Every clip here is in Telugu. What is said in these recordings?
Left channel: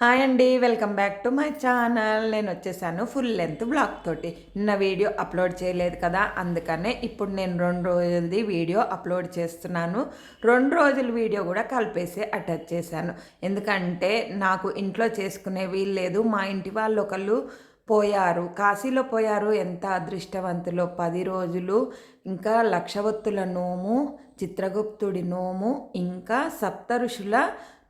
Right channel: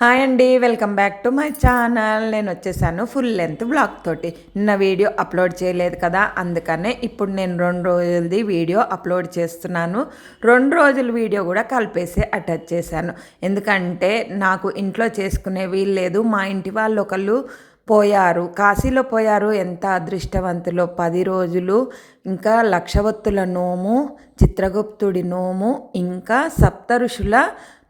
హాయ్ అండి, welcome back to my channel. నేను వచ్చేసాను ఫుల్ లెంత్ బ్లాగ్ తోటి. నిన్న వీడియో అప్లోడ్ చేయలేదు కదా, అందుకనే ఇప్పుడు నేను 2 రోజులది వీడియో అప్లోడ్ చేస్తున్నాను. 2 రోజుల వీడియో కూడా కలిపేసి అటాచ్ చేశాను. ఎందుకంటే నాకు ఇంట్లో చేసుకునే వీలు లేదు. మా ఇంటి వాళ్ళు ఒకళ్ళు పోయారు, కాశీలో పోయారు. ఎంత అదృష్టవంతులో! 10 రోజులు ఇంకా లక్షవత్తుల నోము, చిత్రగుప్తుడి నోము, ఇంకా సప్తఋషుల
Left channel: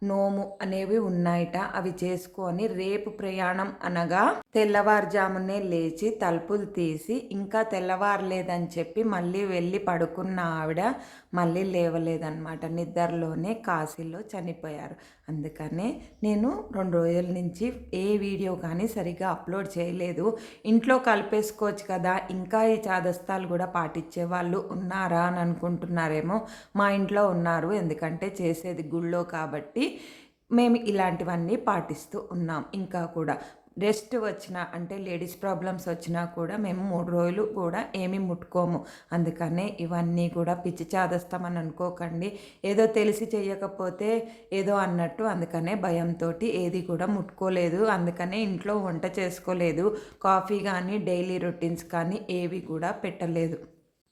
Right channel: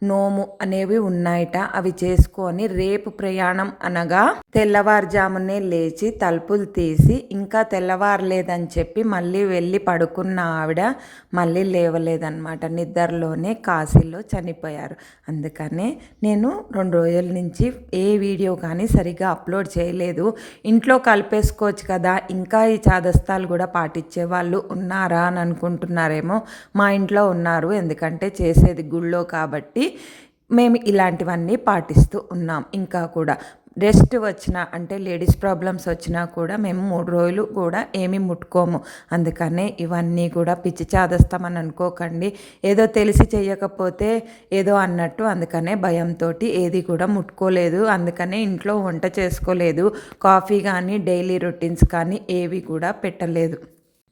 నోము అనేవి ఉన్నాయట. అవి చేసుకొని రేపు ప్రయాణం అనగా తెల్లవారుజామునే లేచి తలుపులు తీసి ఇంకా తెల్లవారలేదని చెప్పి మళ్ళీ వెళ్ళి పడుకున్న ఆవిడ మళ్ళీ లేవలేదన్నమాట. నిద్రలోనే కాశీలో చనిపోయారు. అందుకనే నేను 2 రోజుల నుంచి ఏ వీడియో కానీ సరిగ్గా అప్లోడ్ చేయలేదు. ఇంట్లో కలిపేసుకోవచ్చు కదా, ఇంకా ఈ చాదస్తాలు కూడా పాటించే వాళ్ళు ఉన్నారా అని అనుకుంటున్నారేమో. మా ఇంట్లో ఉన్నారు, ఎందుకంటే చేసేది గుళ్ళో కాబట్టి మేము ఇలాంటివన్నీ పాటిస్తూ ఉన్నాం. ఇంకా కూడా రెస్ట్ వచ్చినా అంటే లేడీస్ ప్రాబ్లమ్స్ వచ్చినా కూడా మేము 3 రోజులు కూడా ఏమీ ముట్టుకోము. అందుకనే ఇవన్నీ కూడా పిచ్చి చాదస్తామని అనుకోకండి. ఏదో తెలిసి చేయకపోతే ఏదో అన్నట్టు. అందుకనే భయంతో ఏది కూడా ముట్టుకోలేదు. అందుకనే ఇంట్లో వంట చేసుకోలేదు. కాఫీ కానీ డైలీ రొటీన్స్ కానీ ఏవి కూడా పెట్టలేదు.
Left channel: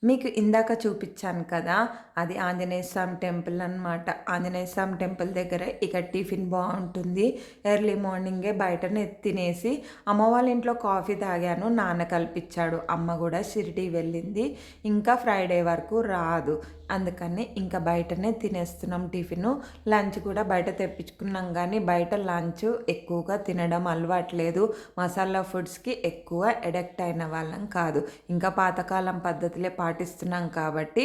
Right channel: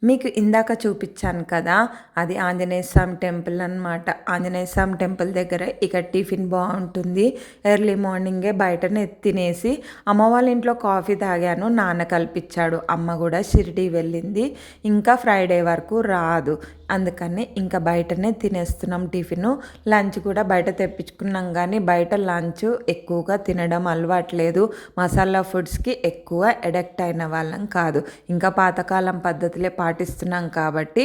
మీకు ఇందాక చూపించాను కదా, అది ఆంజనేయ స్వామి టెంపుల్ అనమాట. ఆంజనేయ స్వామి టెంపుల్ దగ్గర ఇక టిఫిన్ బాగుంటుంది. ఎర్లీ మార్నింగే బయటనే తినేసి అమ్మ వాళ్ళ ఇంట్లో కాఫీ తాగాను. నాన్న కల్పించాడు. అమ్మ కూడా షిరిడి వెళ్ళింది, ఇంకా ఫ్రైడే వరకు రాదు. అందుకని ఇంకా బయటనే తినేస్తున్నాం టిఫిన్. లంచ్ కూడా బయట తెప్పించుకున్నాం, కానీ బయట లంచ్ ఎక్కువగా తినడం అలవాట్లేదు. మసాలా ఫుడ్స్కి ఎక్కువ అడిక్ట్ అయిన వాళ్ళం కాదు. ఇంకా పాతకాలం పద్ధతులే పాటిస్తున్నాం కాబట్టి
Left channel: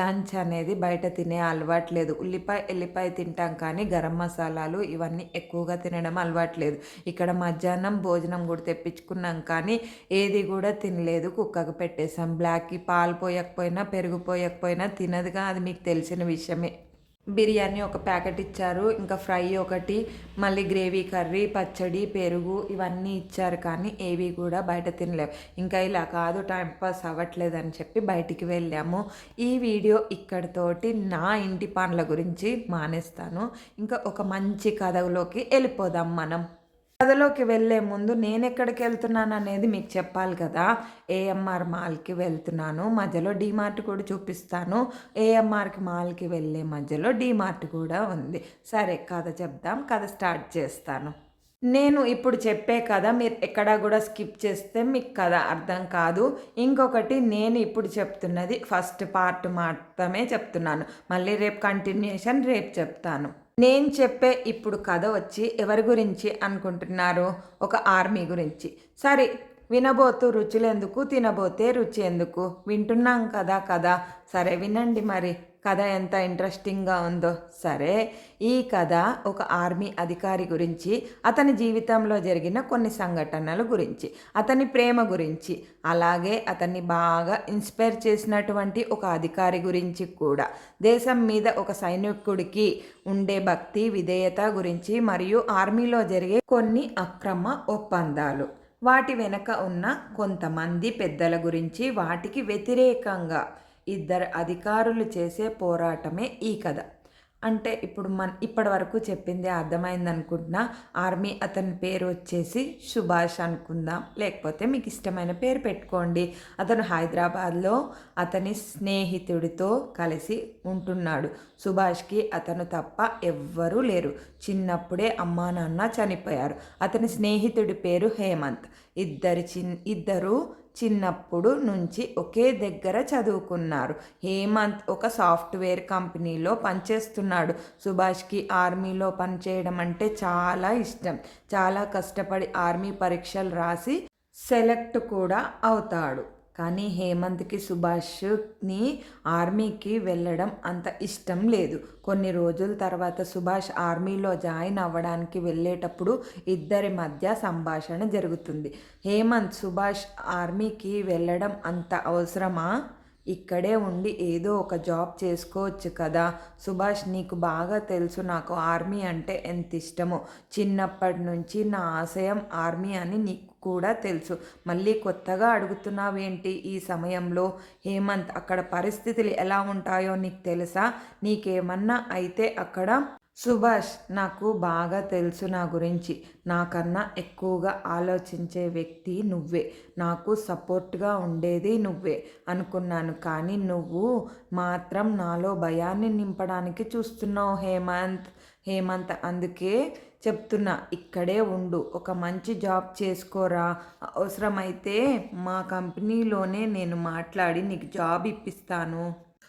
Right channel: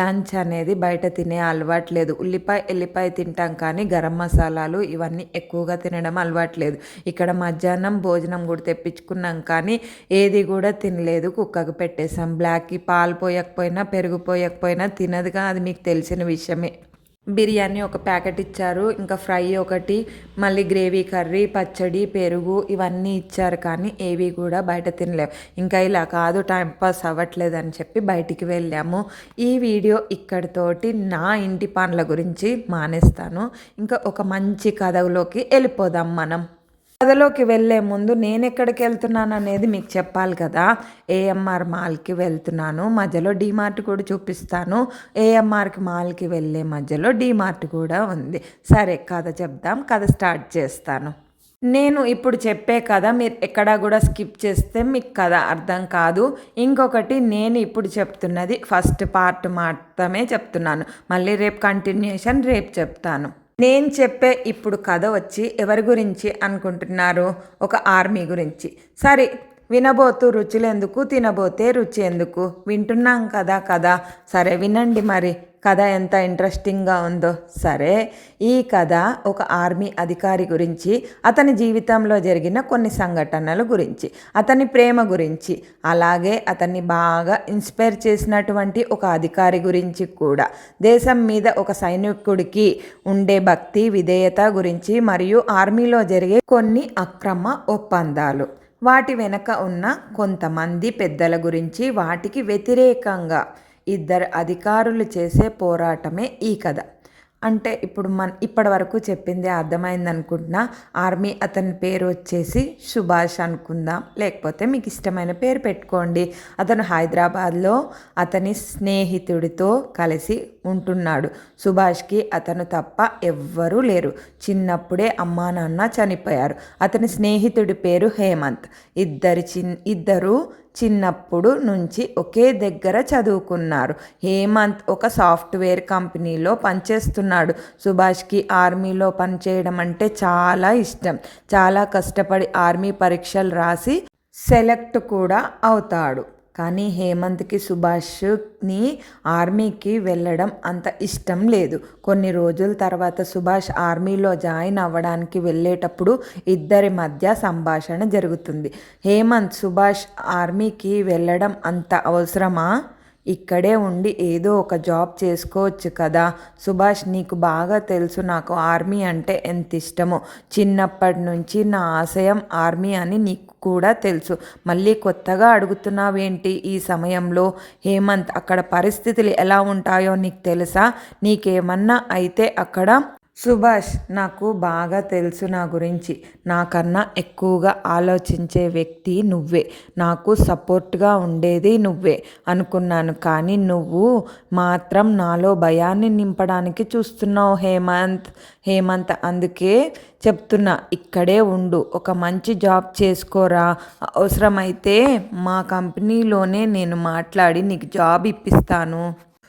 లంచ్ అనేది బయట తినే అలవాట్లేదు. ఉల్లిపాయ ఎల్లిపాయ తింటాం, కానీ గరం మసాలాలు ఇవన్నీ ఎక్కువగా తినడం అలవాట్లేదు. ఇక్కడ మధ్యాహ్నం భోజనం కూడా తెప్పించుకున్నాం, కానీ ఏది కూడా తినలేదు. కుక్కకు పెట్టేసాం. బ్లాక్కి పాలు పోయకపోయినా పెరుగు పోయకపోయినా తినదుగా, అది మీకు తెలిసిన విషయమే. బిర్యానీ ఒక ప్యాకెట్ ఇచ్చారు, ఇంకా ఫ్రై ఒకటి, మళ్ళీ గ్రేవీ కర్రీ, పచ్చడి, పెరుగు ఇవన్నీ ఇచ్చారు, కానీ ఏవి కూడా బయట తినలేము. ఇంకా ఇలా కాదు, టైంపాస్ అవ్వట్లేదని చెప్పి బయటికి వెళ్ళాము. ఈ వీడియో ఇక్కడితోటి నా ఇంటి పనుల గురించి మానేస్తాను. ఇంకా ఒక మంచి కథలోకి వెళ్ళిపోదాం మనం. కథలోకి వెళ్ళే ముందు నేను ఎక్కడికి వెళ్తున్నాను అనేది మీకు చెప్పాలి కదా. ఏఎంఆర్ మాల్కి వెళ్తున్నాను. మధ్యలో డీమార్ట్ కూడా చూపిస్తాను. ఏఎంఆర్కి మాల్కి వెళ్ళే మధ్యలో డీమార్ట్ కూడా ఉంది. సరే, కథ చెప్దాం. కథ స్టార్ట్ చేస్తాను. నేను ఇప్పుడు చెప్పే కథ మీరు ఎక్కడా కూడా స్కిప్ చేస్తే మీకు కథ అర్థం కాదు. ఇంకొకటి, నేను ఇప్పుడు చెప్తున్నది ఫస్ట్ పార్ట్ మాత్రమే చెప్తున్నాను. మళ్ళీ రేపు కంటిన్యూషన్ రేపు చెప్తాను. నేను చెప్పే ఇప్పుడు కథ వచ్చి ఎవరి గురించి అనుకుంటున్నారు? ఒక ఆర్మీ గురించి. సరే, వినబోతూ రుచులెందుకు, తినబోతే రుచి ఎందుకు? వింటున్నాం కదా. సరే వినండి మరి కథ ఎంత ఇంట్రెస్టింగ్గా ఉందో. సరే, ఈ కథ ఒక ఆర్మీ అధికారి గురించి, అతని జీవితంలో జరిగిన కొన్ని సంఘటనల గురించి, అతని ప్రేమ గురించి, అలాగే అతన్ని బాగా ఇన్స్పైర్ చేసినటువంటి ఒక అధికారి గురించి కూడా, దేశం మీద ఒక సైనికుడికి ఉండే భక్తి విధేయత గురించి, మరియు ఆర్మీలో జరిగే కొన్ని అక్రమ ఒప్పందాలు, వాటి వెనక ఉన్న కొంతమంది పెద్దల గురించి, వాటికి వ్యతిరేకంగా 2 అధికారులు చేసే పోరాటమే ఈ కథ. అంటే ఇప్పుడు ఇప్పటి వరకు చెప్పింది అర్థమైంది అనుకుంటున్నా. ఆర్మీ అతని పేరు వచ్చేసి సుభాష్ అనుకుందాం, లేకపోతే మీకు ఇష్టమైన పేరు పెట్టుకోండి. అతను హైదరాబాద్లో అతని స్నేహితుడితో కలిసి ఉంటున్నాడు. సుభాష్కి అతను తప్ప ఎవ్వరూ లేరు. చిన్నప్పుడే అమ్మా నాన్న చనిపోయారు. అతని స్నేహితుడి పేరు హేమంత్. ఇద్దరు చిన్నప్పుడు నుంచి ఒకే దగ్గర చదువుకున్నారు. హేమంత్ ఒక సాఫ్ట్వేర్ కంపెనీలో పనిచేస్తున్నాడు. సుభాష్కి ఆర్మీలో పనిచేయడం అంటే చాలా ఇష్టం. చాలా కష్టపడి ఆర్మీ పరీక్షలు రాసి సెలెక్ట్ కూడా అవుతాడు. కానీ హేమంత్కి సుభాష్ని ఆర్మీకి వెళ్ళడం అంత ఇష్టం లేదు. కొన్ని రోజుల తర్వాత సుభాష్ ఆర్మీలో జాయిన్ అవ్వడానికి వెళ్ళేటప్పుడు ఇద్దరి మధ్య సంభాషణ జరుగుతుంది. హేమంత్, సుభాష్ ఆర్మీకి వెళ్ళడం అంత అవసరమా? ఇక్కడే ఉండి ఏదో ఒక జాబ్ చేసుకోవచ్చు కదా. సుభాష్, నీకు బాగా తెలుసు నాకు ఆర్మీ అంటే ఎంత ఇష్టమో. చిన్నప్పటి నుంచి నా ఆశయం ఆర్మీ అని నీకు కూడా తెలుసు. మళ్ళీ కొత్తగా అడుగుతున్నావేంటి ఈ సమయంలో? హేమంత్, అక్కడ పరిస్థితులు ఎలా ఉంటాయో నీకు తెలుసా? నీకేమన్నా అయితే అక్కడ సుభాష్, నాకు బాగా తెలుసు నా గురించి. నాకన్నా ఎక్కువగా ఆలోచించే వ్యక్తి నువ్వే. నాకు సపోర్ట్‌గా ఉండేది నువ్వే అనుకున్నాను. కానీ నువ్వు మాత్రం నాలో భయాన్ని నింపడానికి చూస్తున్నావు హేమంత్. అందుకే చెప్తున్నా, ఇక్కడే ఉండు. ఒక మంచి జాబ్ చేసుకోరా. అవసరమైతే మా కంపెనీలోనే నేను మాట్లాడి నీకు జాబ్ ఇప్పిస్తాను.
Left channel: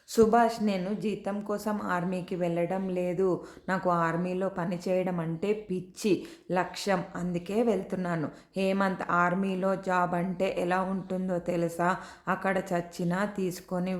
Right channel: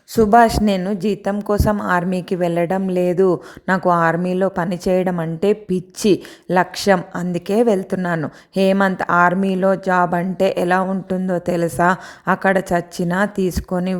సుభాష్, నేను జీతం కోసం ఆర్మీకి వెళ్ళడం లేదు. నాకు ఆర్మీలో పని చేయడం అంటే పిచ్చి, లక్ష్యం. అందుకే వెళ్తున్నాను. హేమంత్, ఆర్మీలో జాబ్ అంటే ఎలా ఉంటుందో తెలుసా? అక్కడ చచ్చినా తీసుకొని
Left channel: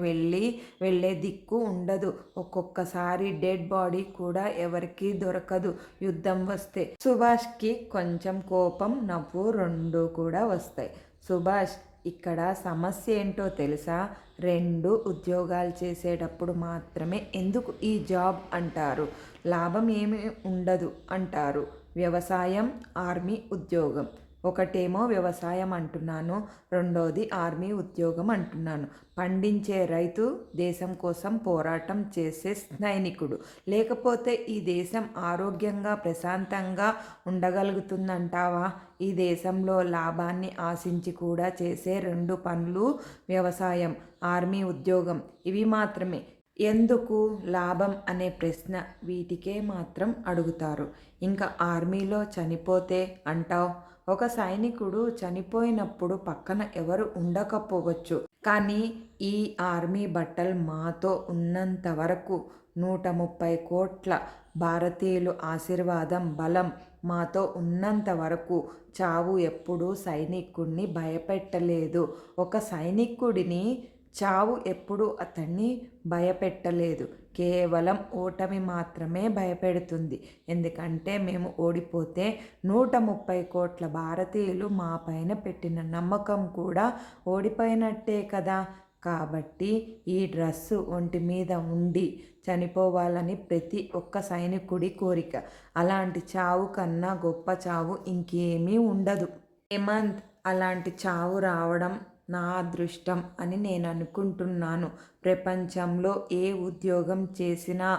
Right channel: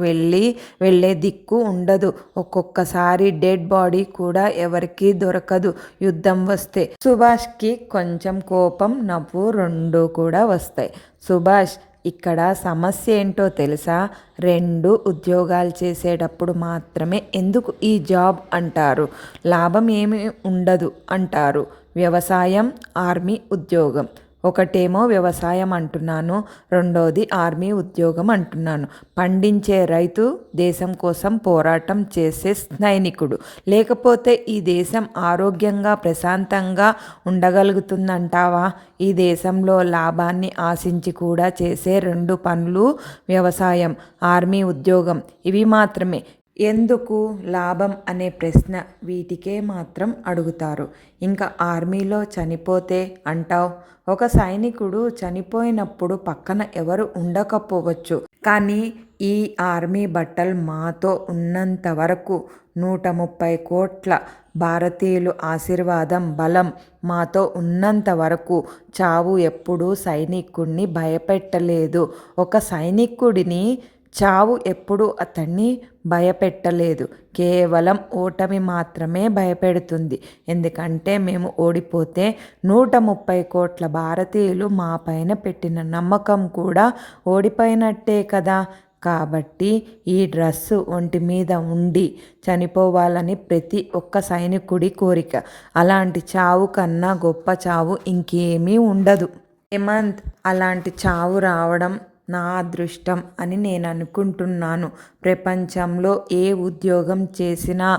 వెళ్ళే దిక్కు ఉండదు. ఒక్కొక్కసారి డెడ్ బాడీ కూడా ఎవరికీ దొరకదు యుద్ధం వస్తే. సుభాష్కి కొంచెం కోపం, నవ్వు రెండూ కూడా వస్తాయి. సుభాష్, ఇక్కడ సమస్య ఏంటో తెలుసా? 2 ఉద్యోగాలు చేసేటప్పుడు మాత్రమే ఎందుకు ఈ జాబ్ అంటారు. లాభం ఏమీ ఉండదు అంటారు. వ్యవసాయం, ఆర్మీ ఉద్యోగం. ఒకటేమో వ్యవసాయం అంటున్నాను, రెండోది ఆర్మీ ఉద్యోగం అంటున్నాను. పండించే రైతు, దేశం కోసం పోరాటం చేసే సైనికుడు. లేకపోతే ఈ దేశం ఆరోగ్యంగా ప్రశాంతంగా ఉండగలుగుతుందంటావా? ఈ దేశంలో లాభాన్ని ఆశించి కూడా చేసే 2 పనులు వ్యవసాయం, ఆర్మీ ఉద్యోగం. ఇవి మాత్రమే. ఎందుకు లాభం అనే ప్రశ్న వీటికే మాత్రం అడుగుతారు. ఇంకా ఆర్మీలో చనిపోతే అంటావు. ఒక సైనికుడు చనిపోయినప్పుడు పక్కన ఎవరు ఉండకపోవచ్చు. కానీ ఈ ఆర్మీ బట్టలు మాతో ఉన్నంత వరకు 130 కోట్ల భారతీయులు ఆశీర్వాదం, బలం మాతో ఉన్నంత వరకు చావు ఎప్పుడూ సైనికుడిని భయపెట్టలేదు. ఒక సైనికుడిని చావు ఎప్పుడు అతన్ని భయపెట్టలేదు. కేవలం ఓటమి మాత్రమే భయపెడుతుంది. ఎందుకంటే మేము ఓడిపోతే 130 కోట్ల భారతీయులు మా పైన పెట్టిన నమ్మకం కూడా ఓడిపోయినట్టే కదా. కాబట్టి ఈ డ్రెస్సు ఒంటి మీద ఉండి చనిపోవాలని ప్రతి ఒక్క సైనికుడి కోరిక. అలాంటి చావు కన్నా గొప్ప చావు ఇంకేమీ ఉండదు. హేమంత్, అలాంటి చావు రావడం నా అదృష్టం అని నేను అనుకుంటున్నాను. ప్రపంచంలో ఏ ఉద్యోగం చేసినా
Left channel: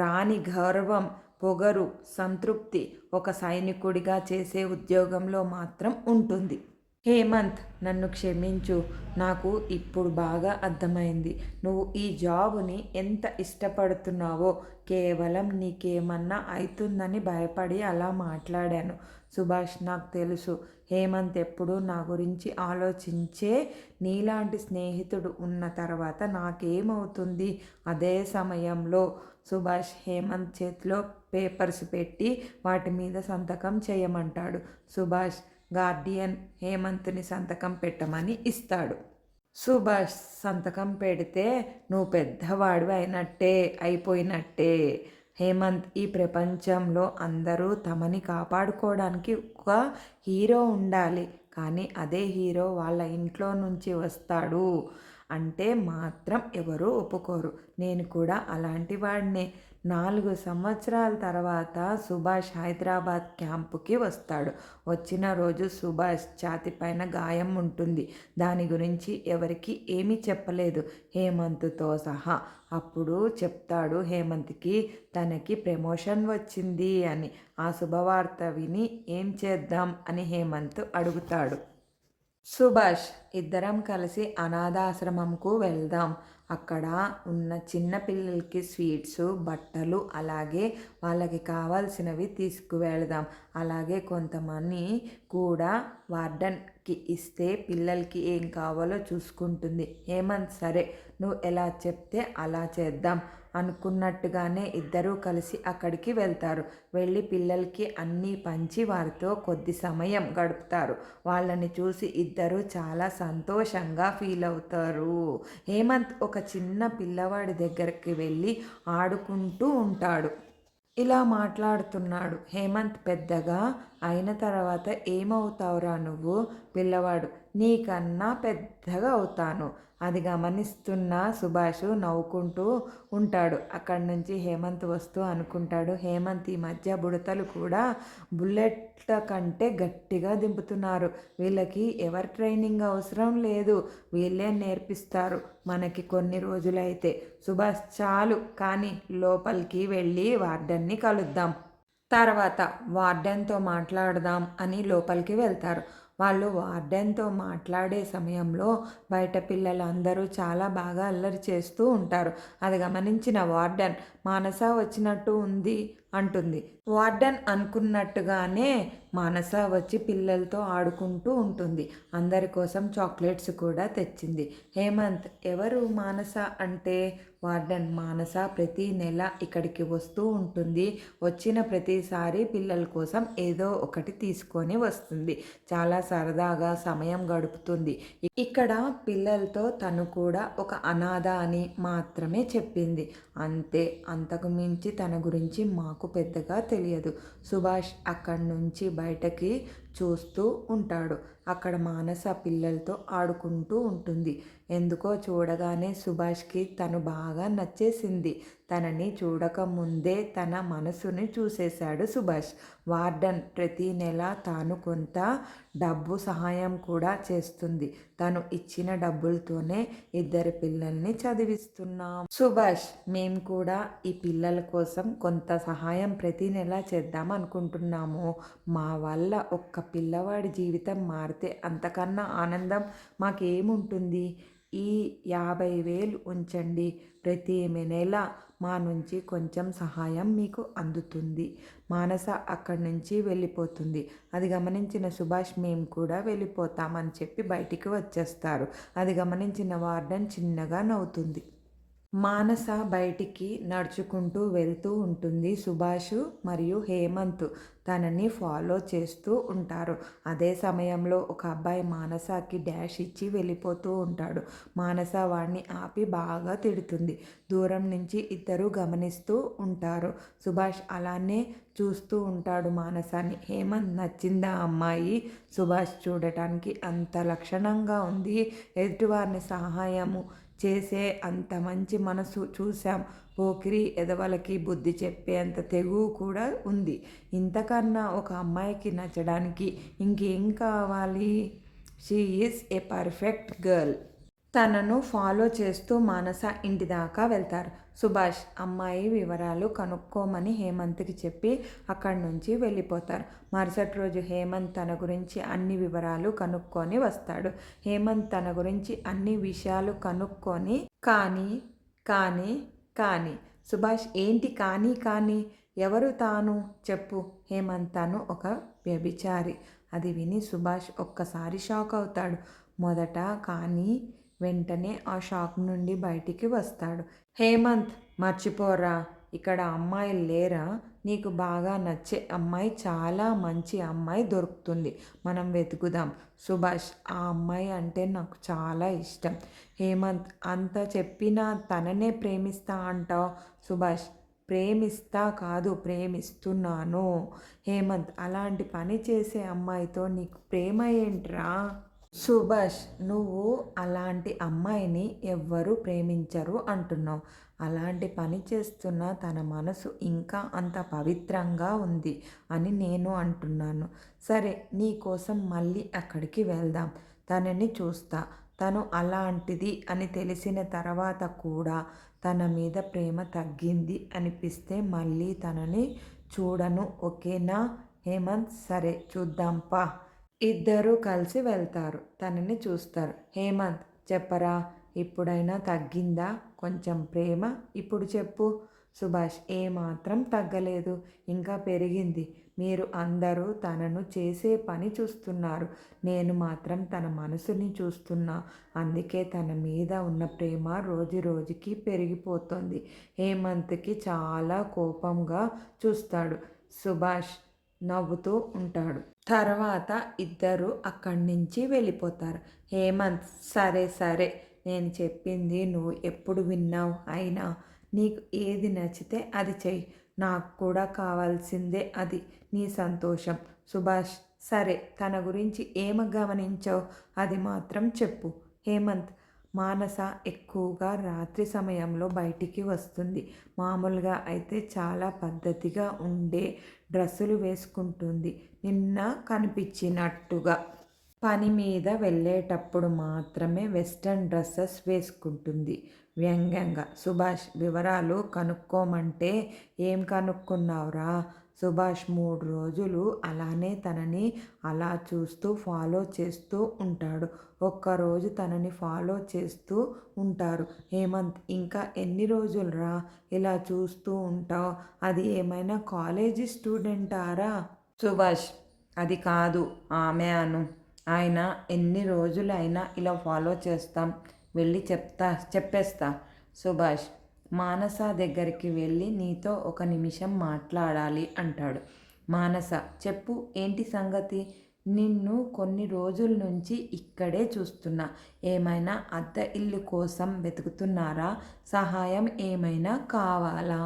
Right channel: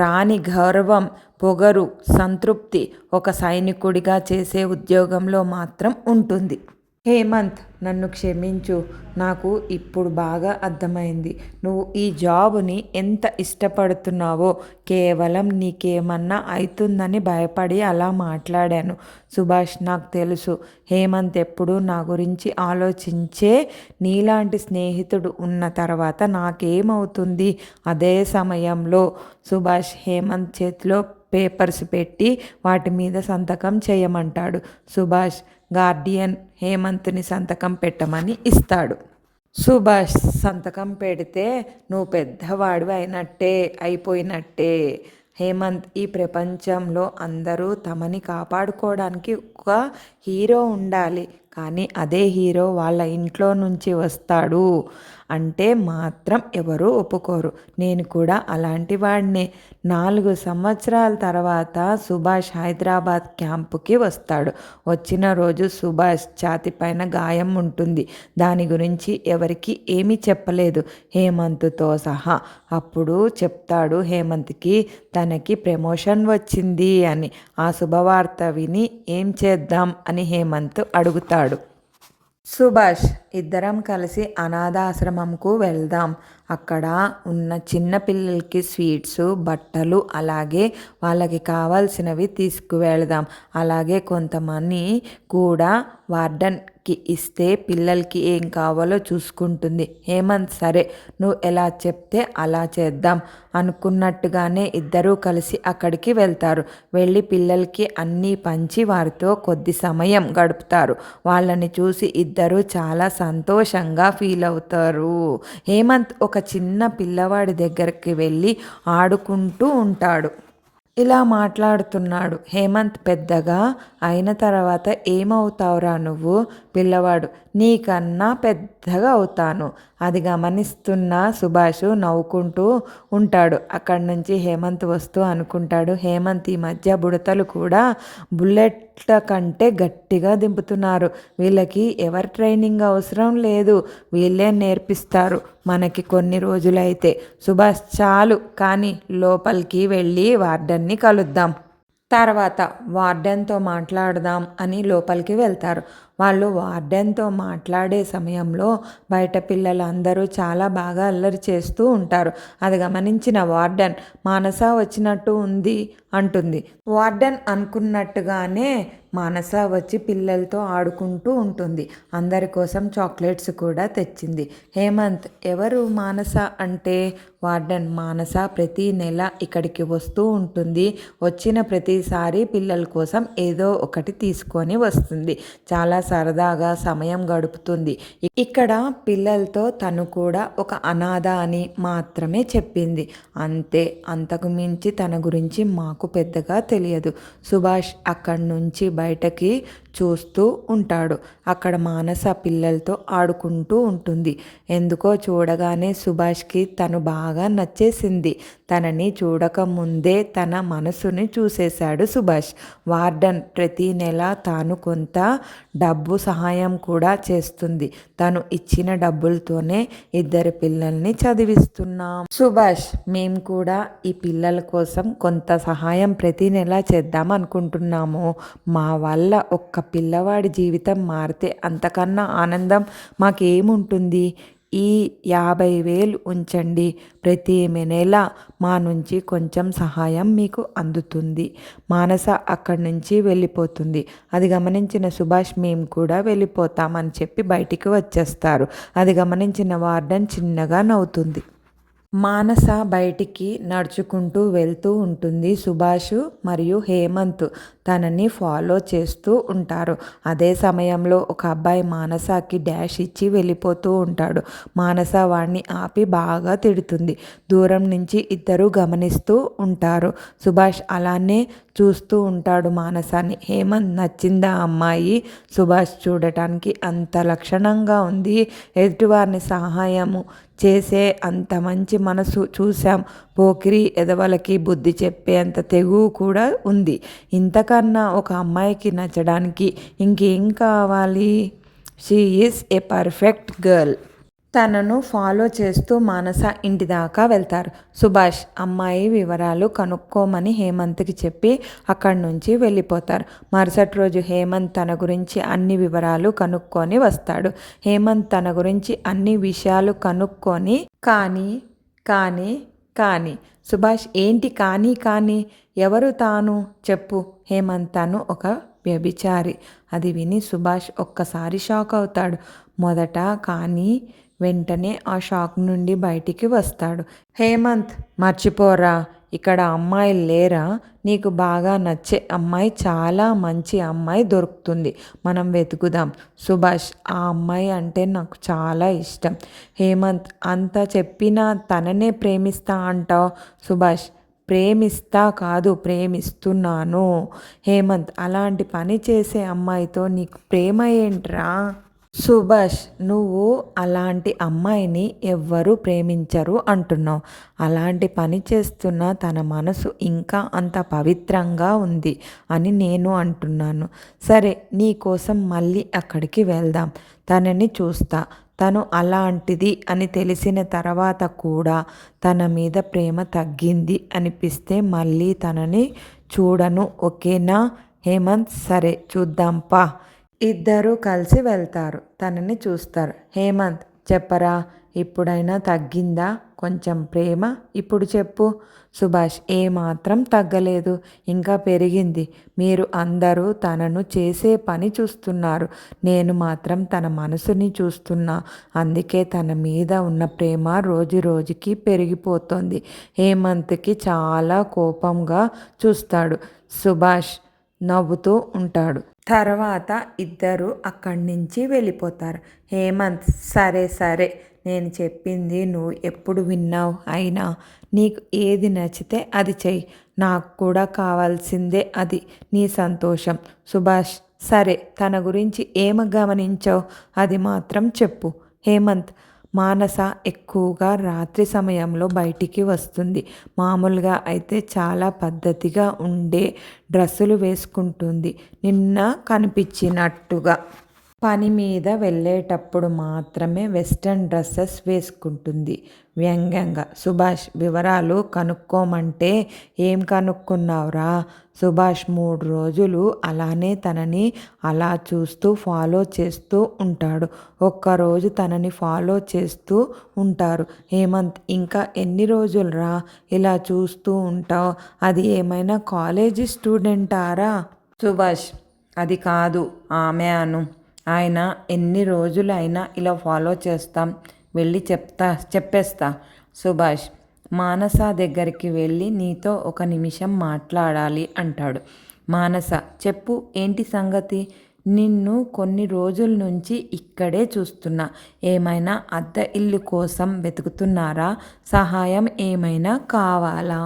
రాని గౌరవం, పొగరు, సంతృప్తి ఒక సైనికుడిగా చేసే ఉద్యోగంలో మాత్రం ఉంటుంది. హేమంత్, నన్ను క్షమించు. నాకు ఇప్పుడు బాగా అర్థమైంది నువ్వు ఈ జాబుని ఎంత ఇష్టపడుతున్నావో. కేవలం నీకేమన్నా అవుతుందని భయపడి అలా మాట్లాడాను. సుభాష్, నాకు తెలుసు హేమంత్ ఎప్పుడూ నా గురించి ఆలోచించే. నీలాంటి స్నేహితుడు ఉన్న తర్వాత నాకేమవుతుంది? అదే సమయంలో సుభాష్ హేమంత్ చేతిలో పేపర్స్ పెట్టి వాటి మీద సంతకం చేయమంటాడు. సుభాష్ గార్డియన్ హేమంత్ని సంతకం పెట్టమని ఇస్తాడు. సుభాష్ సంతకం పెడితే నువ్వు పెద్దవాడు అయిపోయినట్టే. హేమంత్, ఈ ప్రపంచంలో అందరూ తమని కాపాడుకోవడానికి ఒక హీరో ఉండాలి. కానీ అదే హీరో వాళ్ళ ఇంట్లో నుంచి వస్తాడు అంటే మాత్రం ఎవరూ ఒప్పుకోరు. నేను కూడా అలాంటి వాడినే. 4 సంవత్సరాల తర్వాత సుభాష్ హైదరాబాద్ క్యాంపుకి వస్తాడు. వచ్చిన రోజు సుభాష్ ఛాతీపైన గాయం ఉంటుంది. దాని గురించి ఎవరికి ఏమీ చెప్పలేదు, హేమంత్తో సహా. అప్పుడు చెప్తాడు హేమంత్కి తనకి ప్రమోషన్ వచ్చింది అని. ఆ శుభవార్త విని ఏం చేద్దాం అని హేమంత్ అడుగుతాడు. సుభాష్, ఇద్దరం కలిసి అనాథాశ్రమంకు వెళ్దాం. అక్కడ ఉన్న చిన్న పిల్లలకి స్వీట్స్, బట్టలు, అలాగే వాళ్ళకి కావాల్సినవి తీసుకువెళదాం. అలాగే కొంతమంది కూడా వార్డెన్కి ఇస్తే పిల్లలకి ఏం కావాలో చూసుకుంటుంది. హేమంత్, సరే నువ్వు ఎలా చెప్తే అలా చేద్దాం అనుకున్నట్టుగానే ఇద్దరూ కలిసి అక్కడికి వెళ్తారు. వెళ్ళి పిల్లలకి అన్నీ పంచి వారితో కొద్ది సమయం గడుపుతారు. వాళ్ళని చూసి ఇద్దరూ చాలా సంతోషంగా ఫీల్ అవుతారు. హేమంత్ ఒక చిన్న పిల్లవాడి దగ్గరికి వెళ్ళి ఆడుకుంటూ ఉంటాడు. ఇలా మాట్లాడుతున్నాడు. హేమంత్ పెద్దగా అయిన తర్వాత ఏమవుతావురా నువ్వు? పిల్లవాడు, నీకన్నా పెద్దగా అవుతాను. అది గమనిస్తున్న సుభాష్ నవ్వుకుంటూ ఉంటాడు. అక్కడి నుంచి హేమంత్ వస్తూ అనుకుంటాడు, హేమంత్ ఈ మధ్య బుడతలు కూడా బుల్లెట్ల కంటే గట్టిగా దింపుతున్నారు. వీళ్ళకి ఎవరి ట్రైనింగ్ అవసరం లేదు, వీళ్ళే నేర్పిస్తారు మనకి కొన్ని రోజులైతే. సుభాష్ చాలు కానీ లోపలికి వెళ్ళి వార్డెన్ని కలుద్దాం, తర్వాత వార్డెన్తో మాట్లాడదాం అని లోపలికి వెళ్తారు. వాళ్ళు వార్డెన్తో మాట్లాడే సమయంలో బయట పిల్లలందరూ చాలా బాగా అల్లరి చేస్తూ ఉంటారు. అది గమనించిన వార్డెన్, మానస వచ్చినట్టు ఉంది అంటుంది. వార్డెన్ అనుకున్నట్టుగానే మానస వచ్చి పిల్లలతో ఆడుకుంటూ ఉంటుంది. అందరి కోసం చాక్లెట్స్ కూడా తెచ్చింది. హేమంత్, ఎవరు మానస అంటే? వార్డెన్, మానస ప్రతి నెల ఇక్కడికి వస్తూ ఉంటుంది. వచ్చిన ప్రతిసారి పిల్లల కోసం ఏదో ఒకటి తీసుకొని వస్తుంది. చాలా సరదాగా సమయం గడుపుతుంది. ఇక్కడ పిల్లలతో తను కూడా ఒక అనాథ అని మాత్రమే చెప్పింది. అంతే, అంతకు మించి తన గురించి మాకు పెద్దగా తెలియదు. సుభాష్ అక్కడి నుంచి బయటకి చూస్తూ ఉంటాడు. అక్కడ మానస పిల్లలతో ఆడుకుంటూ ఉంటుంది. ఎందుకో చూడగానే సుభాష్కి తను బాగా నచ్చేసింది. తనని చూడకముందే తన మనసుని చూసేశాడు సుభాష్. వార్డెన్ ప్రతి నెల తాను కొంత డబ్బు సహాయం కూడా చేస్తుంది. తను ఇచ్చిన డబ్బులతోనే ఇద్దరు పిల్లల్ని చదివిస్తున్నాం. సుభాష్, మేము కూడా ఈ పిల్లల కోసం కొంత సహాయం ప్రతి నెల చేద్దాం అనుకుంటున్నాము. మా వల్ల ఒక్క పిల్లవాడి జీవితం మారితే అంతకన్నా ఆనందం మాకేముంటుంది. ఈ 50,000 ఉంచండి. ప్రతి నెల మా నుంచి కొంచెం సహాయం మీకు అందుతుంది. మానస అక్కడి నుంచి వెళ్ళిపోతుంది. అది గమనించిన సుభాష్, మేము కూడా వెళ్ళిపోతామని చెప్పి బయటికి వచ్చేస్తారు. అది గమనించిన వార్డెన్ చిన్నగా నవ్వుతుంది. మానస బయటికి నడుచుకుంటూ వెళ్తూ ఉంటుంది. సుభాష్ మరియు హేమంత్ తనని ఫాలో చేస్తూ ఉంటారు. అదే సమయంలో ఒక అబ్బాయి మానసకి డాష్ ఇచ్చి వెళ్ళిపోతూ ఉంటాడు. మానస వాడిని ఆపి బాగా తిడుతుంది. దూరం నుంచి ఇద్దరు గమనిస్తూ ఉంటారు. సుభాష్ అలానే చూస్తూ ఉంటాడు మానసాని. హేమంత్, నచ్చిందా అమ్మాయి? సుభాష్, చూడటానికి అంత లక్షణంగా ఉంది, ఎదుటివారిని సహాయము చేసే అంత మంచి మనసు చూసాం. పోకిరి ఎదవలకి బుద్ధి చెప్పే అంత తెగువ కూడా ఉంది. ఇంతకన్నా ఒక అమ్మాయికి నచ్చడానికి ఇంకేం కావాలి? She is a perfect girl. తనను ఫాలో చేస్తూ మానస ఇంటి దాకా వెళ్తారు. సుభాష్ అమ్మాయి వివరాలు కనుక్కోమని హేమంత్కి చెప్పి అక్కడి నుంచి వెళ్ళిపోతారు. మరుసటి రోజు హేమంత్ తన గురించి అన్ని వివరాలు కనుక్కొని వస్తాడు. హేమంత్ తన గురించి అన్ని విషయాలు కనుక్కొని కానీ కానీ కానీ సుభాష్, ఏంటి కానీ? ఎవరు తాను చెప్పు. హేమంత్, తను ఒక వ్యభిచారి. అది విని సుభాష్ ఒక్కసారి షాక్ అవుతాడు. మొదట కానీ వెంటనే ఆ షాక్ నుండి బయటికి వస్తాడు. హేమంత్, మర్చిపోరా, ఇక్కడ అమ్మాయిలు లేరా? నీకు బాగా నచ్చే అమ్మాయి, చాలా మంచి అమ్మాయి దొరుకుతుంది, మనం వెతుకుదాం. సుభాష్, ఆ అమ్మాయి అంటే నాకు చాలా ఇష్టం. హేమంత్, అంత చెప్పినా తననే ప్రేమిస్తా అంటావు? సుభాష్, ప్రేమిస్తా కాదు, ప్రేమిస్తున్నాను. హేమంత్, అలాంటి పని చేసే అమ్మాయితో నీకు ప్రేమ ఏంట్రా? సుభాష్, నువ్వు అలాంటి అమ్మాయిని ఎవ్వరూ ప్రేమించరు అంటున్నావు. అలాంటి పని చేస్తున్న తన మనసు ఇంకా అంత పవిత్రంగా ఉంది అని నేను అంటున్నాను. సరే, నీ కోసం మళ్ళీ అక్కడికి వెళ్దాం. తనని చూస్తా. తను అలాంటిది అని తెలిసిన తర్వాత కూడా తన మీద ప్రేమ తగ్గింది అనిపిస్తే మళ్ళీ తనని చూడను, ఓకేనా? హేమంత్, సరే చూద్దాంపా. ఇద్దరూ కలిసి వెళ్తారు. తనని చూస్తారు. హేమంత్, చెప్పరా, ఇప్పుడైనా తగ్గిందా కొంచెం ప్రేమ? ఇప్పుడు చెప్పు. సుభాష్, ఏమాత్రం తగ్గలేదు, ఇంకా పెరిగింది. మీరు అందరూ తనను చేసే పని చూస్తున్నారు, నేను మాత్రం తన మనసుని చూస్తున్నా. అందుకే తన మీద ఉన్న ప్రేమ రోజు రోజుకి పెరిగిపోతుంది. హేమంత్కి చాలా కోపంగా చూస్తాడు. సుభాష్ నవ్వుతూ ఉంటాడు. తర్వాత ఇద్దరు అక్కడి నుంచి వెళ్ళిపోతారు. హేమంత్, సరే, నేను చెప్పింది నువ్వు ఎప్పుడు విన్నావు? అయినా నీకు ఏది నచ్చితే అది చెయ్యి. నాకు కూడా కావాల్సిందే అది, నీ సంతోషం. సుభాష్, సరే, తన గురించి ఏం గమనించావు అది మాత్రం చెప్పు. హేమంత్, మానస ఎక్కువగా రాత్రి సమయంలో బయటికి వస్తుంది. మామూలుగా అయితే చాలా పద్ధతిగా ఉండే డ్రెస్సులు వేసుకుంటుంది. నిన్న కనిపించినట్టుగా పని మీద వెళ్ళేటప్పుడు మాత్రమే వెస్ట్రన్ డ్రెస్సెస్ వేసుకుంటుంది వ్యంగ్యంగా. సుభాష్, వివరాలు కనుక్కోమంటే ఏం కనుక్కున్నావురా? సుభాష్ 3 రోజులు అలానే తనని అలా చూస్తూ ఫాలో చేస్తూ ఉంటాడు. ఒక్కరోజు తనని ఫాలో చేస్తూ ఉంటారు. హేమంత్, ఇంకా ఎన్ని రోజులురా ఇలా చూస్తూ ఉంటావు? అది ఏమైనా కాలేజీ స్టూడెంటారా? సుభాష్, అది కాదు ఆమె అను. ఆయన ఎన్ని రోజులైనా ఇలా ఫాలో చేస్తాం. వెళ్ళి చెప్పేస్తా. సుభాష్, మానస దగ్గరికి వెళ్ళి నీతో 1 నిమిషం మాట్లాడాలి అంటాడు. మానస, చెప్పు, ఏంటి సంగతి? నిన్ను కొన్ని రోజుల నుంచి ఇక్కడే చూస్తున్నా. ఏమైనా అద్దె ఇల్లు కోసం వెతుకుతున్నారా? సహాయం ఏమైనా కావాలా?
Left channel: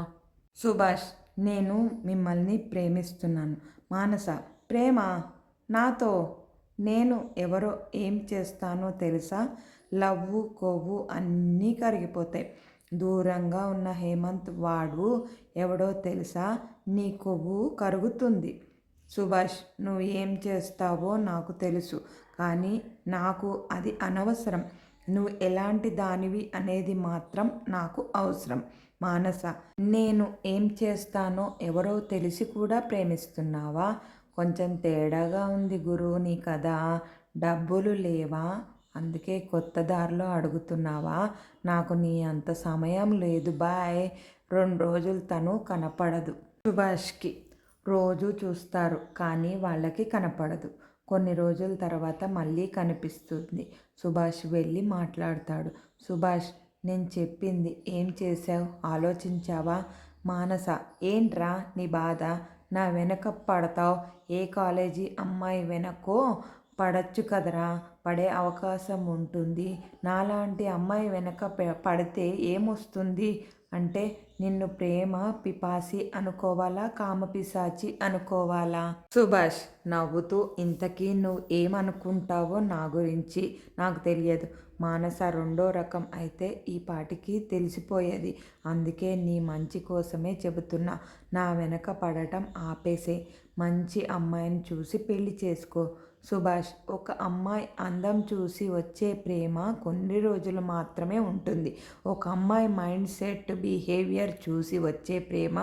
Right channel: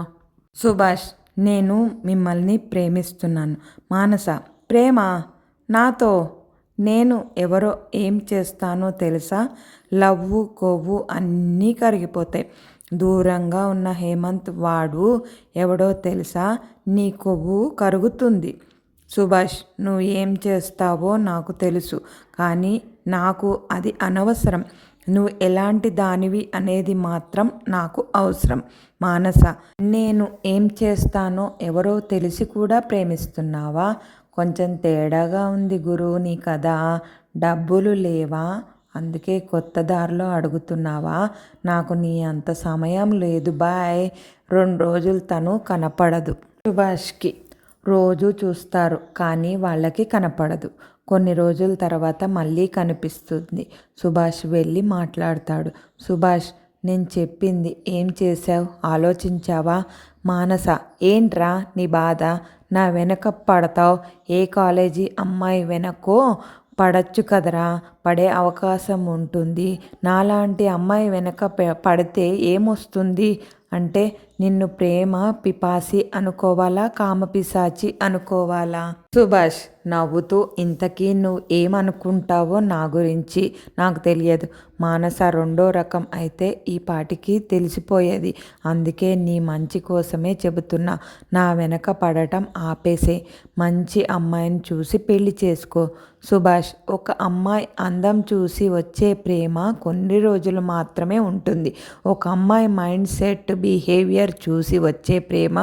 సుభాష్, నేను మిమ్మల్ని ప్రేమిస్తున్నాను. మానస, ప్రేమ? నాతో? నేను ఎవరో ఏం చేస్తానో తెలుసా? లవ్వు కొవ్వు అన్నీ కరిగిపోతాయి. దూరంగా ఉన్న హేమంత్ వాడు ఎవడో తెలుసా? నీ కొవ్వు కరుగుతుంది. సుభాష్, నువ్వు ఏం చేస్తావో నాకు తెలుసు, కానీ నాకు అది అనవసరం. నువ్వు ఎలాంటి దానివి అనేది మాత్రం నాకు అవసరం. మానస, నేను ఏం చేస్తానో ఎవరో తెలిసి కూడా ప్రేమిస్తున్నావా? కొంచెం తేడాగా ఉంది గురు నీ కథ. డబ్బులు లేవా? అందుకే కొత్త దారిలో అడుగుతున్నావా? నాకు నీ అంత సమయం లేదు బాయ్. 2 రోజులు తను కనపడదు. సుభాష్కి రోజు చూస్తారు, కానీ వాళ్ళకి కనపడదు. కొన్ని రోజుల తర్వాత మళ్ళీ కనిపిస్తుంది. సుభాష్ వెళ్ళి మాట్లాడతాడు. సుభాష్, నేను చెప్పింది ఏం చేశావు? ఆలోచించావా? మానస, ఏంట్రా నీ బాధ? నా వెనక పడతావు? ఏ కాలేజీ అమ్మాయి వెనకో పడచ్చు కదరా. పడే అవకాశం ఉంటుంది. నాలాంటి అమ్మాయి వెనక పడితే ఏమొస్తుంది? అంటే నిన్ను ప్రేమ పిపాసి అనుకోవాలా, కామపిశాచి అనుకోవాలా? సుభాష్ నవ్వుతూ, ఇంతకీ నువ్వు ఏమనుకుంటావో నా గురించి నాకు తెలియదు. మానస 2వ రకం అయితే ఈ పాటికి తెలిసిపోయేది. అందుకే నీ మంచి కోసమే చెబుతున్నా. నా వెనక పడటం ఆపేసే. మంచి అమ్మాయిని చూసి పెళ్లి చేసుకో. సుభాష్, ఒక అమ్మాయి అందం చూసి వచ్చే ప్రేమ కొన్ని రోజులు మాత్రమే ఉంటుంది. ఒక అమ్మాయి మైండ్ సెట్, బిహేవియర్ చూసి వచ్చే ప్రేమ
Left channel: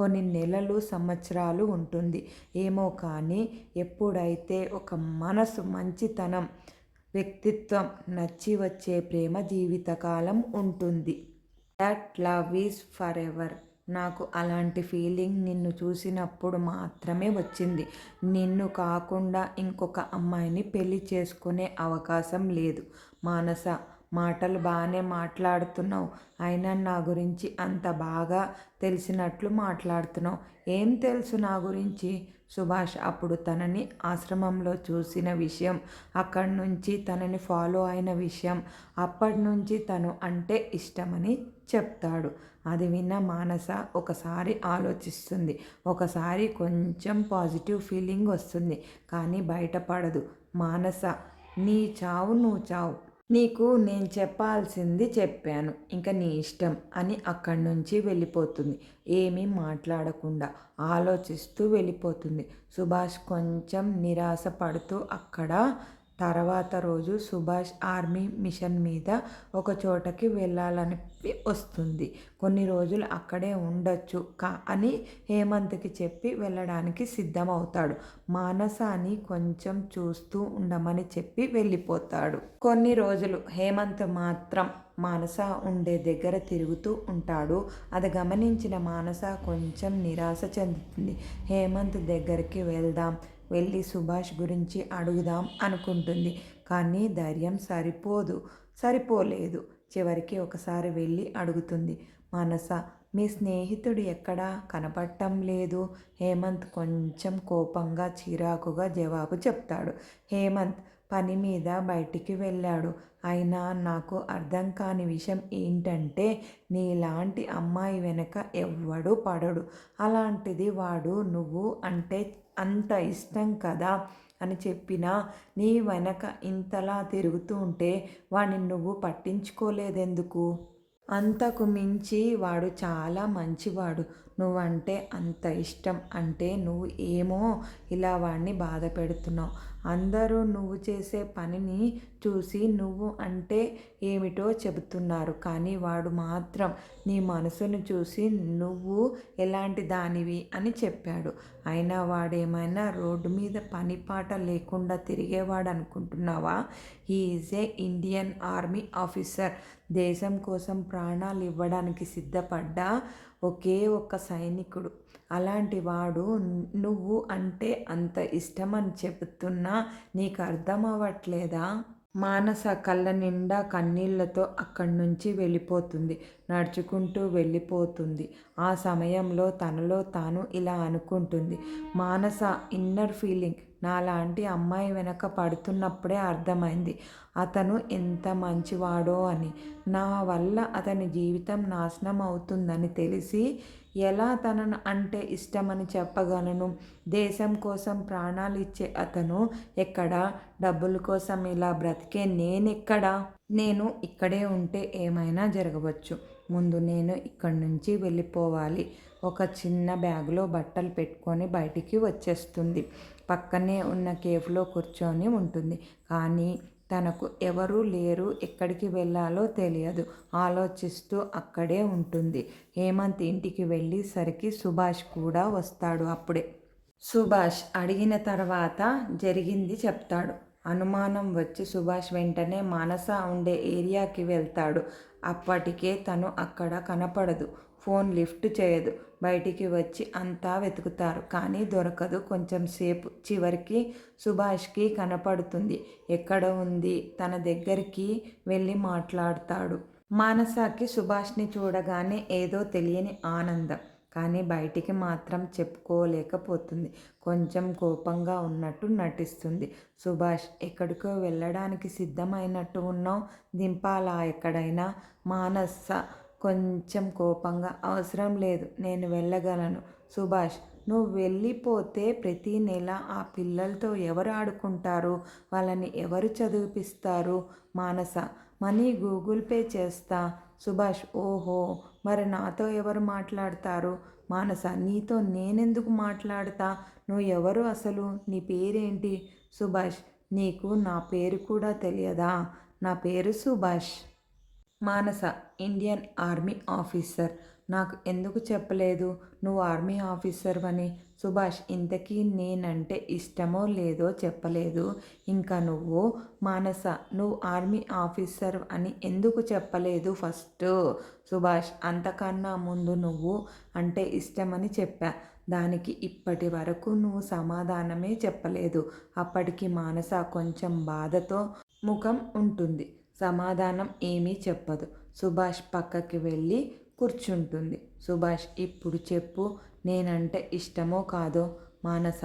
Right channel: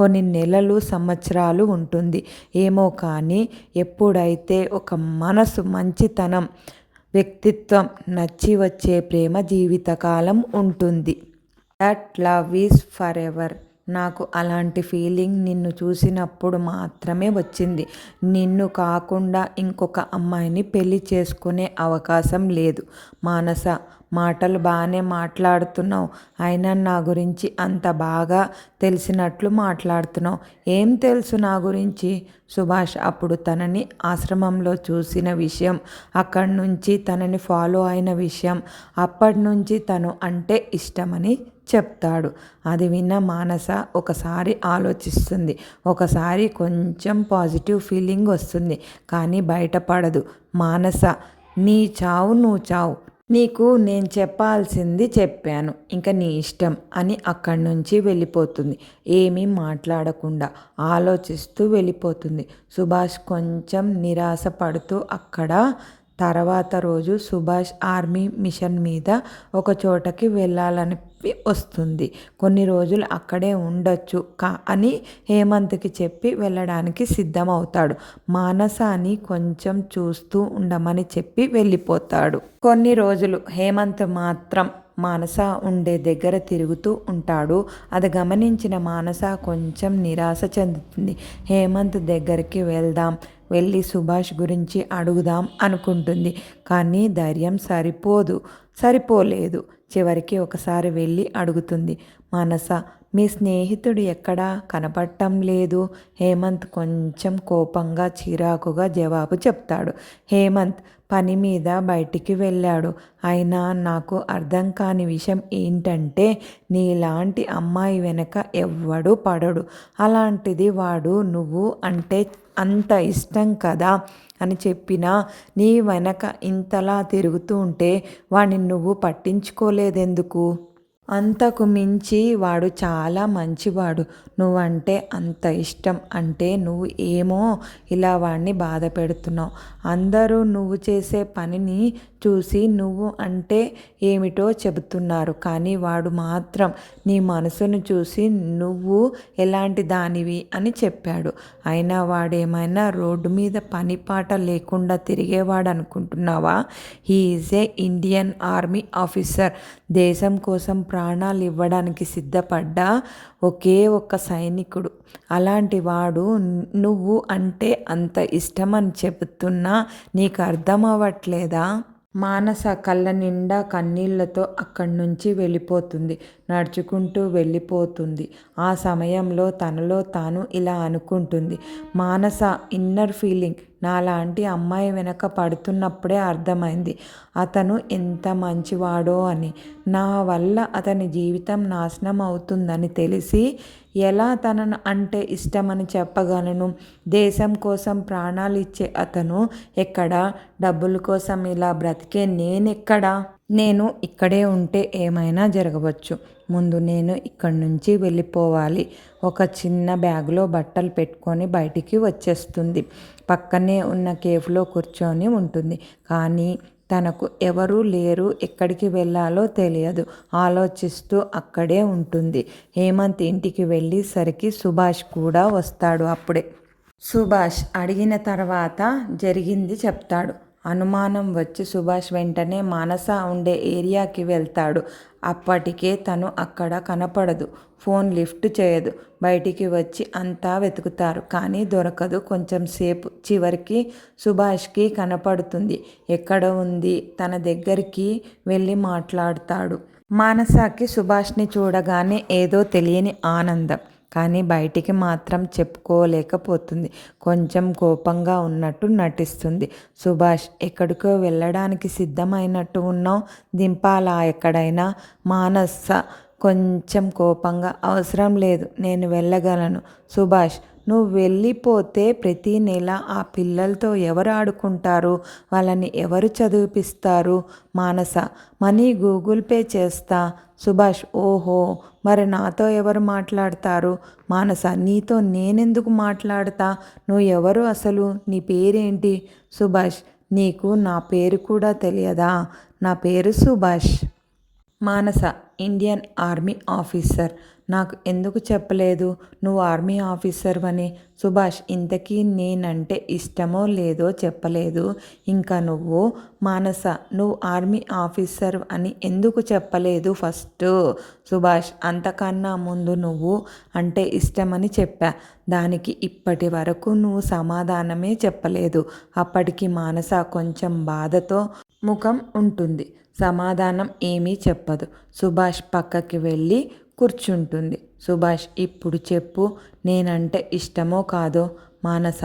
కొన్ని నెలలు, సంవత్సరాలు ఉంటుంది. ఏమో కానీ ఎప్పుడైతే ఒక మనసు, మంచితనం, వ్యక్తిత్వం నచ్చి వచ్చే ప్రేమ జీవితకాలం ఉంటుంది. That love is for ever. నాకు అలాంటి ఫీలింగ్ నిన్ను చూసినప్పుడు మాత్రమే వచ్చింది. నిన్ను కాకుండా ఇంకొక అమ్మాయిని పెళ్లి చేసుకునే అవకాశం లేదు. మానస, మాటలు బాగానే మాట్లాడుతున్నావు, అయినా నా గురించి అంత బాగా తెలిసినట్లు మాట్లాడుతున్నావు. ఏం తెలుసు నా గురించి? సుభాష్ అప్పుడు తనని ఆశ్రమంలో చూసిన విషయం, అక్కడి నుంచి తనని ఫాలో అయిన విషయం, అప్పటి నుంచి తను అంటే ఇష్టమని చెప్తాడు. అది విన్న మానస ఒకసారి ఆలోచిస్తుంది, ఒకసారి కొంచెం పాజిటివ్ ఫీలింగ్ వస్తుంది, కానీ బయటపడదు. మానస, నీ చావు నువ్వు చావు. నీకు నేను చెప్పాల్సింది చెప్పాను, ఇంకా నీ ఇష్టం అని అక్కడి నుంచి వెళ్ళిపోతుంది. ఏమీ మాట్లాడకుండా ఆలోచిస్తూ వెళ్ళిపోతుంది. సుభాష్ కొంచెం నిరాశ పడుతూ అక్కడ తర్వాత రోజు సుభాష్ ఆర్మీ మిషన్ మీద ఒక చోటకి వెళ్ళాలని వస్తుంది. కొన్ని రోజులు అక్కడే ఉండొచ్చు అని హేమంత్కి చెప్పి వెళ్ళడానికి సిద్ధమవుతాడు. మానసాని కొంచెం చూస్తూ ఉండమని చెప్పి వెళ్ళిపోతాడు. కొన్ని రోజులు హేమంత్ మాత్రం మానస ఉండే దగ్గర తిరుగుతూ ఉంటాడు. అది గమనించిన మానస కొంచెం నిరాశ చెందుతుంది. హేమంత్ దగ్గరికి వెళ్ళి సుభాష్ గురించి అడుగుదాం అనుకుంటుంది, కానీ ధైర్యం సరిపోలేదు. చివరికి ఒకసారి వెళ్ళి అడుగుతుంది. మానస, మీ స్నేహితుడు ఎక్కడా కనపడటం లేదు. హేమంత్ కొంచెం కోపంగా చిరాకుగా జవాబు చెప్తాడు. హేమంత్ పని మీద బయటికి వెళ్ళాడు. అయినా నాకు అర్థం కాని విషయం ఏంటంటే నీలాంటి అమ్మాయి వెనక ఎవ్వడూ పడడు. అలాంటిది వాడు నువ్వు అంటే అంత ఇష్టం కదా అని చెప్పినా నీ వెనక ఇంతలా తిరుగుతూ ఉంటే వాడిని నువ్వు పట్టించుకోలేదెందుకు? అంతకు మించి వాడు చాలా మంచివాడు. నువ్వంటే అంత ఇష్టం అంటే నువ్వు ఏమో ఇలా వాడిని బాధ పెడుతున్నావు. అందరూ నువ్వు చేసే పనిని చూసి నువ్వు అంటే ఏమిటో చెబుతున్నారు. కానీ వాడు మాత్రం నీ మనసును చూసి నువ్వు ఎలాంటి దానివి అని చెప్పాడు. అయినా వాడేమైనా రోడ్డు మీద పని పాట లేకుండా తిరిగేవాడు అనుకుంటున్నావా? He is a Indian army officer. దేశం కోసం ప్రాణాలు ఇవ్వడానికి సిద్ధపడ్డ ఒకే ఒక్క సైనికుడు. అలాంటి వాడు నువ్వు అంటే అంత ఇష్టమని చెబుతున్నా నీకు అర్థం అవ్వట్లేదా? మానస కళ్ళ నిండా కన్నీళ్లతో అక్కడి నుంచి వెళ్ళిపోతుంది. నడుచుకుంటూ వెళ్ళిపోతుంది. ఆ సమయంలో తనలో తాను ఇలా అనుకుంటుంది. మానస ఇన్నర్ ఫీలింగ్ నాలాంటి అమ్మాయి వెనక పడుతున్నప్పుడే అర్థమైంది అతను ఎంత మంచివాడో అని. నా వల్ల అతని జీవితం నాశనం అవుతుందని తెలిసి ఎలా తనను అంటే ఇష్టమని చెప్పగలను? దేశం కోసం ప్రాణాలు ఇచ్చే అతను ఎక్కడా? డబ్బుల కోసం ఇలా బ్రతికే నేనెక్కడా? నేను ఇక్కడే ఉంటే ఏమైనా జరగవచ్చు. ముందు నేను ఇక్కడి నుంచి వెళ్ళిపోవాలి. ఒక చిన్న బ్యాగ్లో బట్టలు పెట్టుకొని బయటికి వచ్చేస్తుంది. పక్కనే ఉన్న కేఫ్లో కూర్చొని ఉంటుంది. కానీ తనకు ఎవరూ లేరు. ఎక్కడికి వెళ్ళాలో తెలియదు. ఆలోచిస్తూ అక్కడే ఉంటుంది. హేమంత్ ఇంటికి వెళ్ళేసరికి సుభాష్ కూడా వస్తాడు. అప్పుడే సుభాష్ అడిగిన తర్వాత జరిగింది చెప్తాడు. అనుమానం వచ్చి సుభాష్ వెంటనే మానస ఉండే ఏరియాకి వెళ్తాడు. అప్పటికే తను అక్కడ కనపడదు. ఫోన్ లిఫ్ట్ చేయదు. బయటికి వచ్చి అంతా వెతుకుతారు. కానీ దొరకదు. కొంచెం సేపు చివరికి సుభాష్కి కనపడుతుంది. ఎక్కడ ఉంది? తన దగ్గరికి వెళ్ళి మాట్లాడతాడు. మానసకి సుభాష్ని చూడగానే ఏదో తెలియని ఆనందం. కానీ బయటికి మాత్రం చెప్పుకోలేకపోతుంది. కొంచెం కోపంగా ఉన్నట్టు నటిస్తుంది. సుభాష్ ఎక్కడికో వెళ్ళడానికి సిద్ధమైనట్టు ఉన్నావు. దింపాలా ఎక్కడైనా? మానస కొంచెం కోపంగా అవసరం లేదు, నేను వెళ్ళగలను. సుభాష్ నువ్వు వెళ్ళిపోతే ప్రతి నెల ఆ పిల్లలతో ఎవరు ఆడుకుంటారు? వాళ్ళని ఎవరు చదివిపిస్తారు? మానస మనీ గూగుల్ పే చేస్తా. సుభాష్ ఓహో, మరి నాతో ఎవరు మాట్లాడతారు? మానస నీతో నేనెందుకు మాట్లాడతా? నువ్వు ఎవరు అసలు? నీ పేరేంటి? సుభాష్ నీకు నా పేరు కూడా తెలియదా? నా పేరు సుభాష్. మానస ఇండియన్ ఆర్మీ ఆఫీసర్. నాకు ఎందుకు చెప్పలేదు నువ్వు ఆర్మీ ఆఫీసర్ అని? సుభాష్ ఇంతకీ నేనంటే ఇష్టమో లేదో చెప్పలేదు. ఇంకా నువ్వు మానస నువ్వు ఆర్మీ ఆఫీసర్ అని ఎందుకు చెప్పలేదు ఫస్ట్? సుభాష్ అంతకన్నా ముందు నువ్వు అంటే ఇష్టమని చెప్పా. దానికి ఇప్పటి వరకు నువ్వు సమాధానమే చెప్పలేదు. అప్పటికి మానస కొంచెం బాధతో ముఖం ఉంటుంది. సమాధానం ఏమీ చెప్పదు. సుభాష్ పక్కకి వెళ్ళి కూర్చుంటుంది. సుభాష్ ఇప్పుడు చెప్పు, నేనంటే ఇష్టమో కాదో? మానస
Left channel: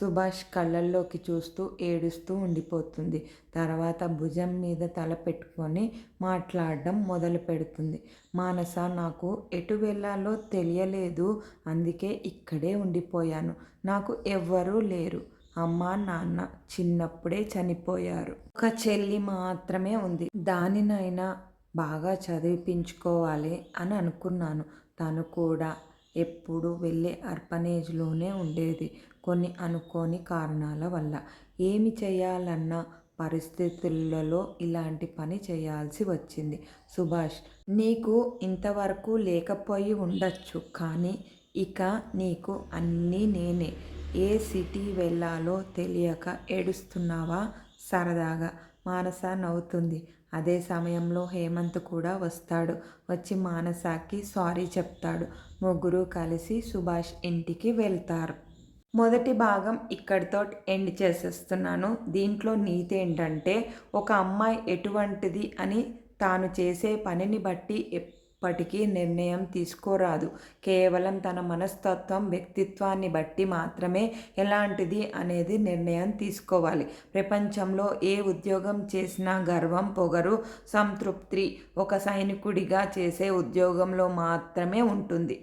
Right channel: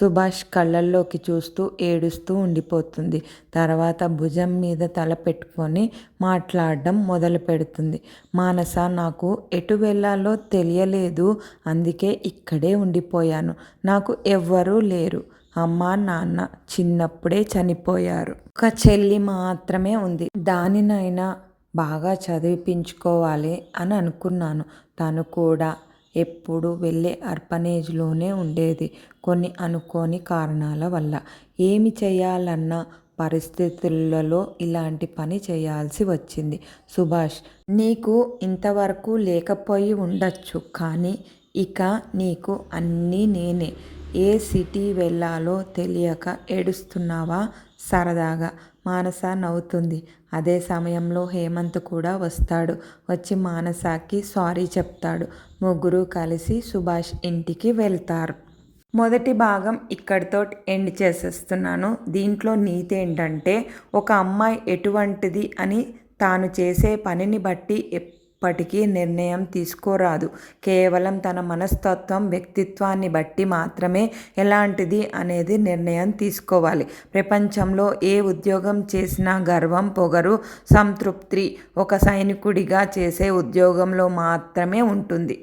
సుభాష్ కళ్ళల్లోకి చూస్తూ ఏడుస్తూ ఉండిపోతుంది. తర్వాత భుజం మీద తల పెట్టుకొని మాట్లాడడం మొదలు పెడుతుంది. మానస నాకు ఎటు వెళ్ళాలో తెలియలేదు. అందుకే ఇక్కడే ఉండిపోయాను. నాకు ఎవ్వరూ లేరు. అమ్మ నాన్న చిన్నప్పుడే చనిపోయారు. ఒక చెల్లి మాత్రమే ఉంది. దానినైనా బాగా చదివించుకోవాలి అని అనుకున్నాను. తను కూడా ఎప్పుడు వెళ్ళే ఆర్ఫనేజ్లోనే ఉండేది. కొన్ని అనుకోని కారణాల వల్ల ఏమి చేయాలన్న పరిస్థితులలో ఇలాంటి పని చేయాల్సి వచ్చింది. సుభాష్ నీకు ఇంతవరకు లేకపోయి ఉండొచ్చు. కానీ ఇక నీకు అన్నీ నేనే. ఏ సిటీ వెళ్ళాలో తెలియక ఏడుస్తున్నావా? సరదాగా మానస నవ్వుతుంది. అదే సమయంలో హేమంత్ కూడా వస్తాడు. వచ్చి మానసకి సారీ చెప్తాడు. ముగ్గురు కలిసి సుభాష్ ఇంటికి వెళ్తారు. మొదటి భాగం ఇక్కడితో ఎండ్ చేసేస్తున్నాను. దీంట్లో నీతి ఏంటంటే ఒక అమ్మాయి ఎటువంటిది అని తాను చేసే పనిని బట్టి ఎప్పటికీ నిర్ణయం తీసుకోరాదు. కేవలం తన మనస్తత్వం, వ్యక్తిత్వాన్ని బట్టి మాత్రమే ఎలాంటిది అనేది నిర్ణయం తీసుకోవాలి. ప్రపంచంలో ఏ ఉద్యోగం చేసినా గర్వం, పొగరు, సంతృప్తి ఒక సైనికుడిగా చేసే ఉద్యోగంలో మాత్రమే ఉంటుంది.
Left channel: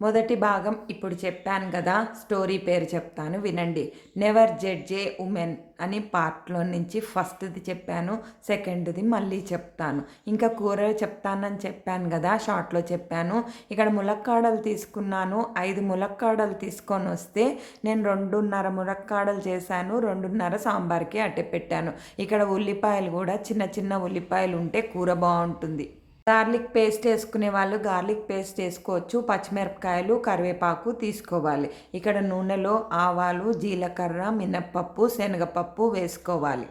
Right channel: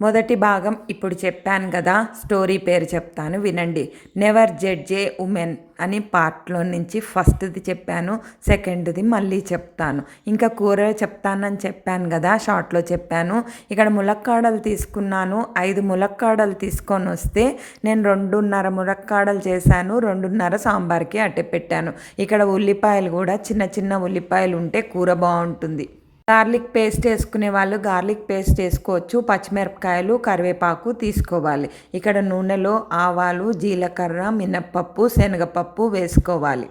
మొదటి భాగం ఇప్పుడు చెప్పాను కదా, స్టోరీ పేరు చెప్తాను వినండి. నెవర్ జడ్జ్ ఏ ఉమెన్ అని పార్ట్లో నుంచి ఫస్ట్ది చెప్పాను, సెకండ్ది మళ్ళీ చెప్తాను. ఇంకా కూర చెప్తానని చెప్పాను కదా, షార్ట్లో చెప్పాను. ఇక్కడ ములక్కాడలు తీసుకున్నాను, 5 ములక్కాడలు తీసుకొని వస్తే నేను 2.5 ములక్కాడలు చేశాను, 2.5 సాంబార్కి అట్టే పెట్టాను. ఇక్కడ ఉల్లిపాయలు కూడా చిన్న చిన్న ఉల్లిపాయలు ఉంటే కూర బాగుంటుంది. గార్లిక్ పేస్ట్ వేసుకునే వాళ్ళు గార్లిక్ పేస్ట్ వేసుకోవచ్చు. పచ్చిమిరపకాయలు, కరివేపాకు తీసుకోవాలి. ఇక్కడ నూనెలో ఆవాలు, జీలకర్ర, మినప్పప్పు, శనగపప్పు వేసుకోవాలి.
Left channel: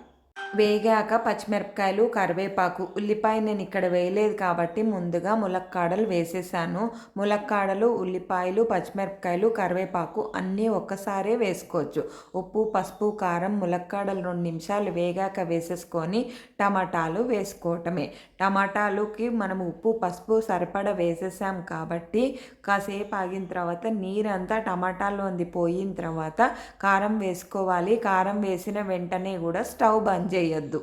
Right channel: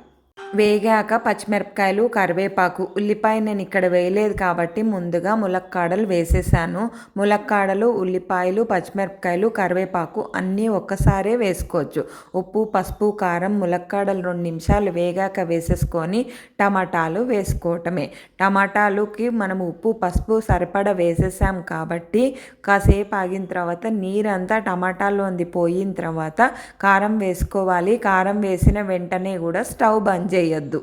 వేగాక పచ్చిమిరపకాయలు, కరివేపాకు, ఉల్లిపాయ నేను ఇక్కడ వేయలేదు కాబట్టి ముందుగా ములక్కాడలు వేసేసాను. ములక్కాడలు, ఉల్లిపాయలు, పచ్చిమిరపకాయలు, కరివేపాకు అన్నీ ఒక్కసారే వేసుకోవచ్చు. ఉప్పు, పసుపు, కారం, ములక్కాడలు 2 నిమిషాలు వేగాక వేసేసుకొని టమాటాలు వేసుకోవటమే. టమాటాలుకి మనం ఉప్పు, పసుపు సరిపడా వేసేసాం కాబట్టి కాసేపు ఆగిన తర్వాత నీరంతా టమాటాలోంది పోయిన తర్వాత కారం వేసుకోవాలి. కారం వేసిన వెంటనే కూడా స్టవ్ బంద్ చేయొద్దు.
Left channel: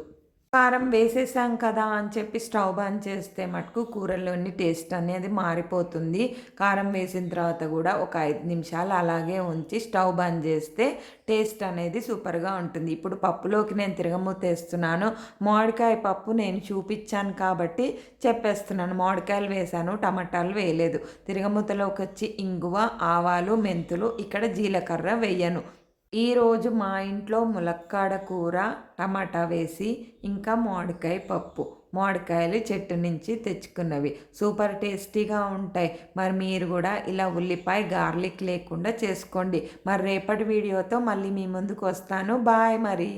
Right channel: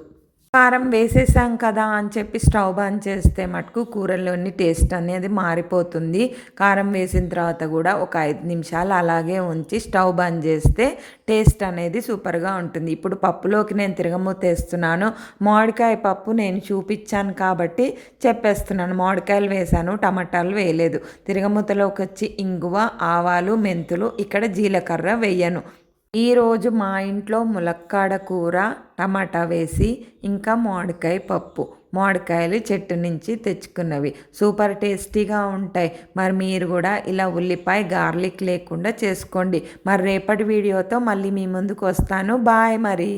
కారం వేసేసాం కదా అని చెప్పి స్టవ్ బంద్ చేస్తే మటుకు కూరలోని టేస్ట్ అనేది మారిపోతుంది. కారం వేసిన తర్వాత కూడా ఒక 5 నిమిషాలు అలాగే ఉంచి స్టవ్ బంద్ చేస్తే టేస్ట్ అనేది సూపర్గా ఉంటుంది. ఇప్పుడు పప్పులోకి నేను తిరగమూత వేస్తున్నాను. మామిడికాయ పప్పు నేను చూపించాను కాబట్టి చెప్పేస్తున్నాను. మామిడికాయలు వేసాను, టమాటాలు వేయలేదు. తిరగమూతలోకి వచ్చి ఇంగువ, ఆవాలు, మెంతులు, ఇక్కడ జీలకర్ర వేయను. ఈరోజు మా ఇంట్లో ములక్కాడ కూర, టమాటా వేసి ఇంకా మామిడికాయ పప్పు. మామిడికాయలు చెట్టు నుంచి తెచ్చుకున్నవి, సూపర్ టేస్టీగా ఉంటాయి. మరి మీరు కూడా ఇలా ఉల్లిపాయ గార్లిక్ లేకుండా చేసుకోండి. మరి రేపటి వీడియోతో మళ్ళీ మీ ముందుకు వస్తాను. బాయ్ మరి.